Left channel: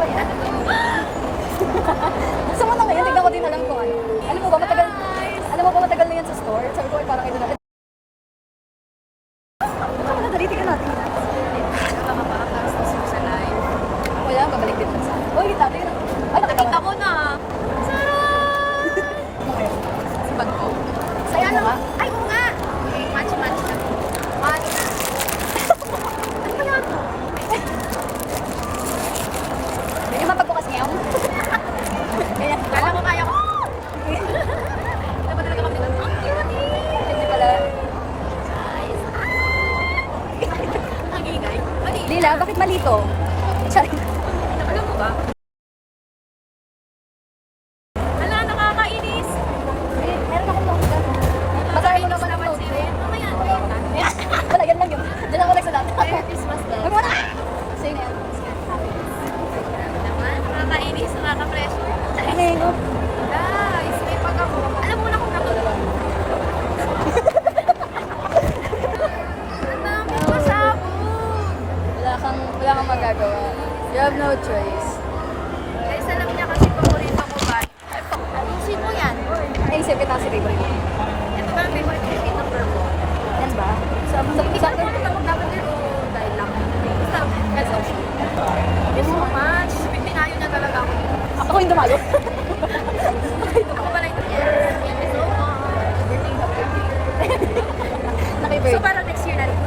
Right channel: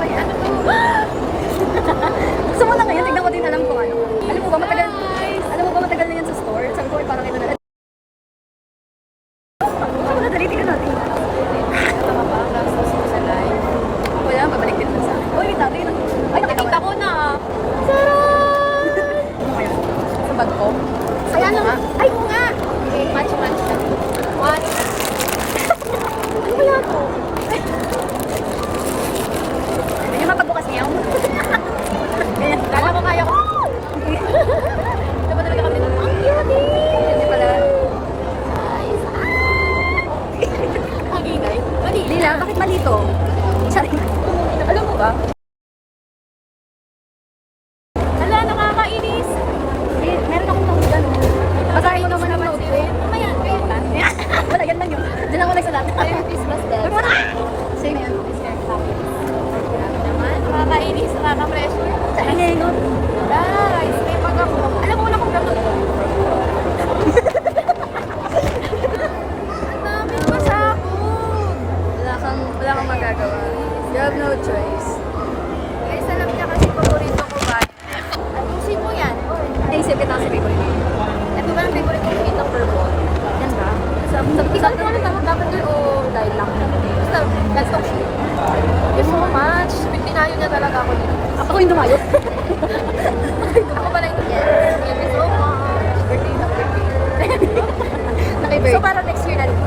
ba yan? Gusto mo na ngayon, tignan ko din alam kung ano. Alam mo ba matagal na yan sa store? Sabi ko, parang ito na. Baka madadali, tignan natin. Ito nga parang nasa sa live. O yan, pabalik din sa akin. Uy, dito, tignan. Ay, nakita ko na. Sarap! Ano ngayon? Sa bag ko? Sa ano nga? Ay, oo nga! Match. What? Ano kaya ito? Ganyan mapagbukas niya. Ganyan. Alam mo kaya ko. Dapat talaga kami. Ang cute eh. Ganyan pala. Maginay. Lila, bakit malito? Sorry. Alam mo ba? Ala, nakakainis. Meron akong notes dyan. Basahin mo naman ang notes ko. Mamaya. Wala, yan lang yun. Diyan ako nagsalat. Christmas daw. Sa'yo na yan. Nakakainis, nakaka-flash. Saan nga yung note? Guys, may pag ako. Alam mo na kung gano'n. Ang dami pa sa ako. Wala kang magagawa. You have no choice. Guys, alam niya kasi paborito ko ba? Ayusin mo yan. Ayusin kita kasi favorite ko. Ito ba ang favorite ko dito, purple? Yan ba? Sabi ko alam ba mag-lavender o dahil lang? Basta, that's okay. Thank you so much. Dinayo niya talaga ako dito. Ako yung dumayo. Ako ba na ito? Yes. Thank you so much. Birthday na birthday. Naki-birthday. So parang next year na rin.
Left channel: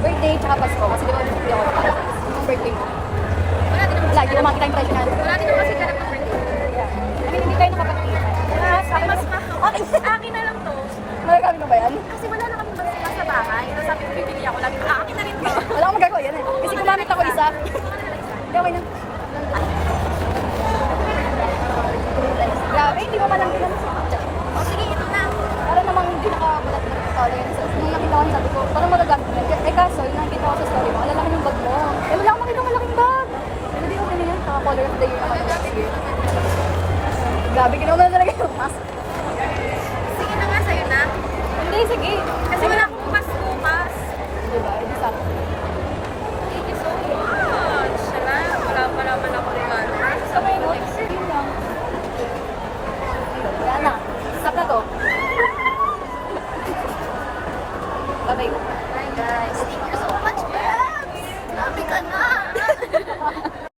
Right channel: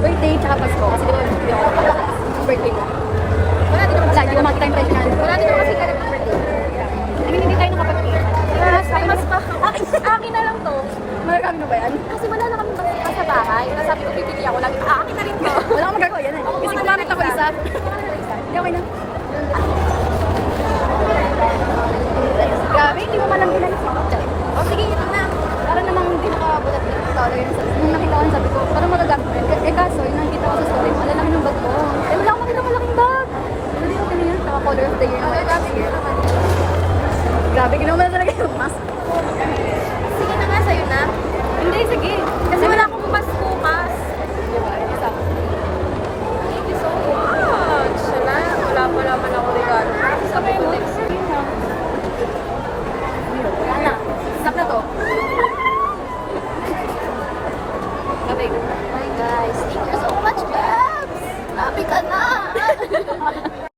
Birthday tsaka Pasko. Kasi di ba hindi ako nakakita. Birthday mo. Wala din naman kasi hindi naman kita impression natin. Wala din naman kasi talagang birthday. I mean, hindi tayo nakapagkita. Ay, mas akin na lang to. Malagang na ba yan? Kasi wala na kami mas sa bahay. Nasabi ko, pipili ako lagi. Akin na rin to. Wala akong magagawa yan eh. Kasi gumamit ako isa. Hindi, okay na. Grabe, hindi mo man lang bilang. O sige, ito na. Parang namang hindi nakabulat na ito. Nung nakita ko, sabi ko, parang magagamit mo yan. Eh kaso, yung nakita ko sa story mo, alala naman yung bag mo. Eh wala akong makita malaking bag. Hindi okay na yan. Color of the year naman. Grabe, ginawa mo na talaga yung mask. Sige na nga, sa'yo na. Hindi, sige.